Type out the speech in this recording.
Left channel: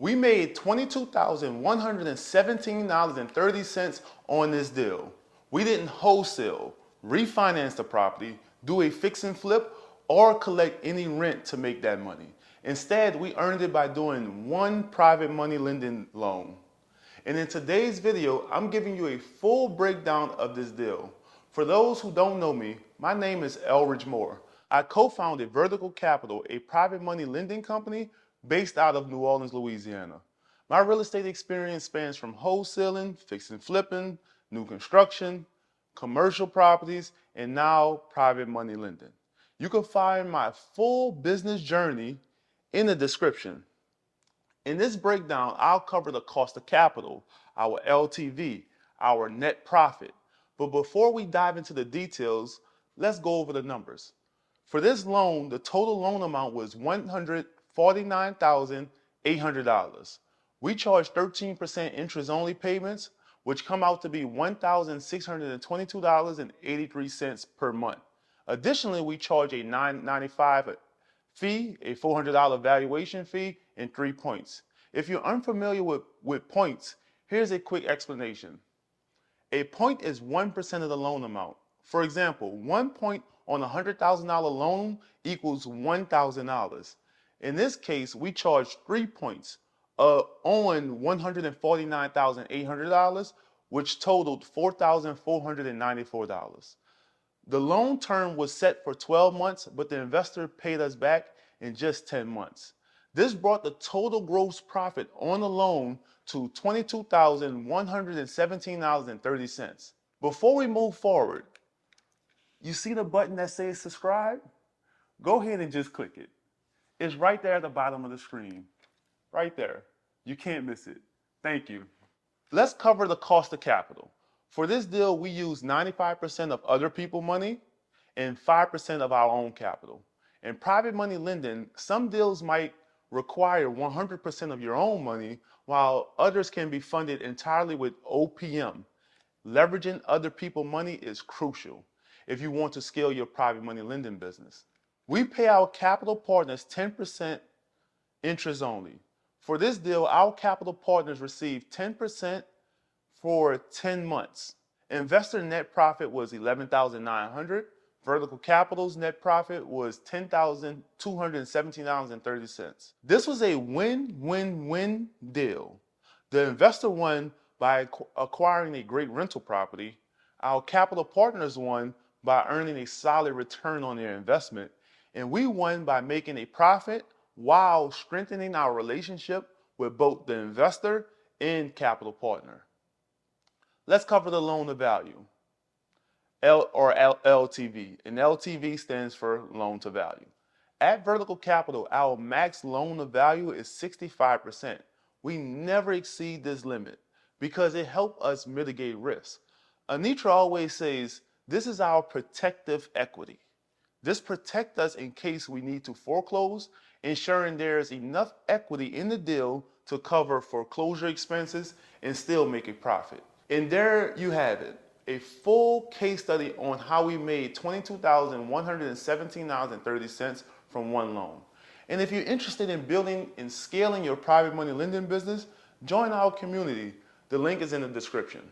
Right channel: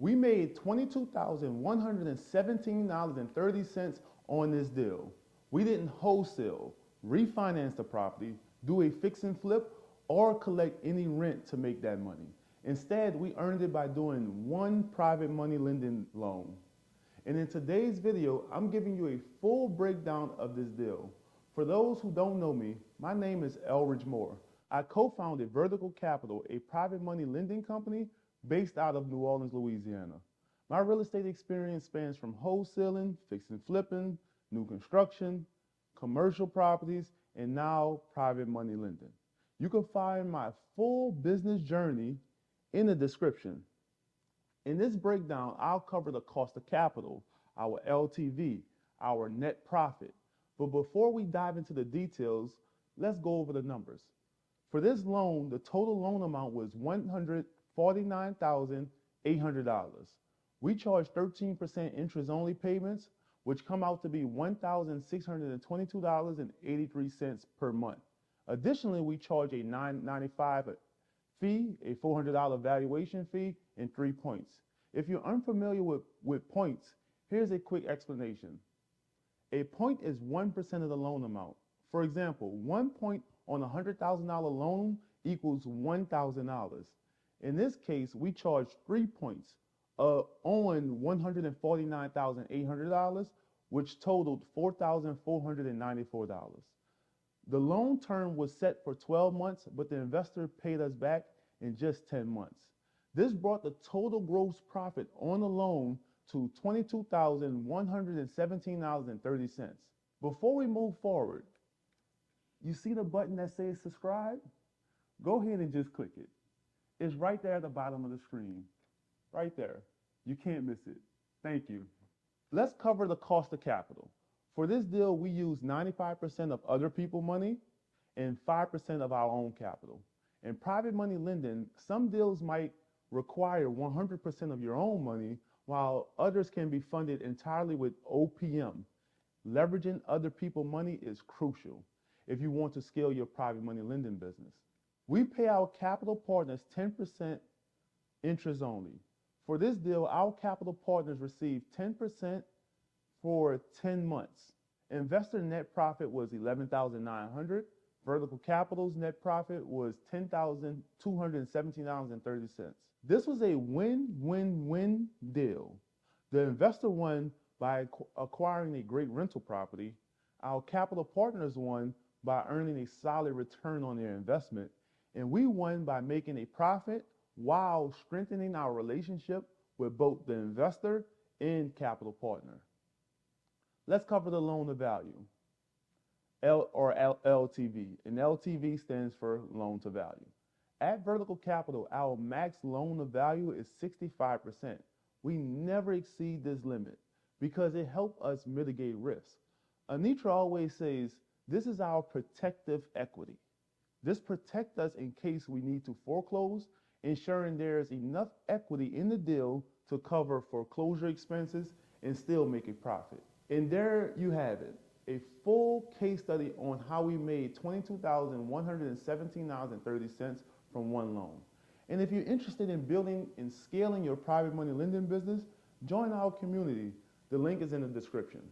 We made $22,117.30 on this deal. We didn't wholesale, refinance the property, do a fix and flip, or collect any rent to make that money. Instead, we earned it by doing one private money lending loan. And in today's video, I'm giving you a full breakdown of this deal. For those who don't know me, my name is Elridge Moore. I co-founded Vertical Capital, a private money lending company based out of New Orleans, Louisiana. My real estate experience spans from wholesaling, fix and flipping, new construction, commercial properties, and now private money lending. You can find my full business journey in the description. In this breakdown, I'll cover the cost of capital, our LTV, our net profit. But before we dive into the details, let's go over the numbers. For this loan, the total loan amount was $149,800. We charge 13% interest-only payments, which come out to be $1,622.83 per month. Additionally, we charge a $995 fee, a $400 valuation fee, and 3 points. If you're unfamiliar with points, here's a quick explanation. A point is 1% of the loan amount. For example, 1 point on a $100,000 loan equals $1,000. In this case, we charge 3 points on $149,800, which totaled $4,494. The loan term was set for 12 months, but the investor paid us back in just 10 months. This brought the total gross profit on the loan to $22,117.30. Before we move forward, you see the button that says subscribe? Go ahead and just click it. It's right there at the bottom of the screen. Right there. You can't miss it. Thank you. Let's cover the cost of capital. For this deal, we use 95% of other people's money and 5% of our own capital. In private money lending, some deals might require 100% of your own money, while others can be funded entirely with OPM. Leveraging other people's money is crucial if you want to scale your private money lending business. We pay our capital partners 10% interest only. For this deal, our capital partners receive 10% for 10 months. Investor net profit was $11,900. Vertical Capital's net profit was $10,217.30. This was a win-win-win deal. The investor won by acquiring a great rental property. Our capital partners won by earning a solid return on their investment. And we won by making a profit while strengthening our relationship with both the investor and capital partner. Let's cover the loan to value. LTV, and LTV stands for loan to value. At Vertical Capital, our max loan to value is 65%. We never exceed this limit because it helps us mitigate risk. Anitra always says, this is our protective equity. This protects us in case we need to foreclose, ensuring there is enough equity in the deal to cover foreclosure expenses and still make a profit. And there you have it. A full case study on how we made $22,117.30 from one loan. And if you're interested in building and scaling your private money lending business, join our community. The link is in the description.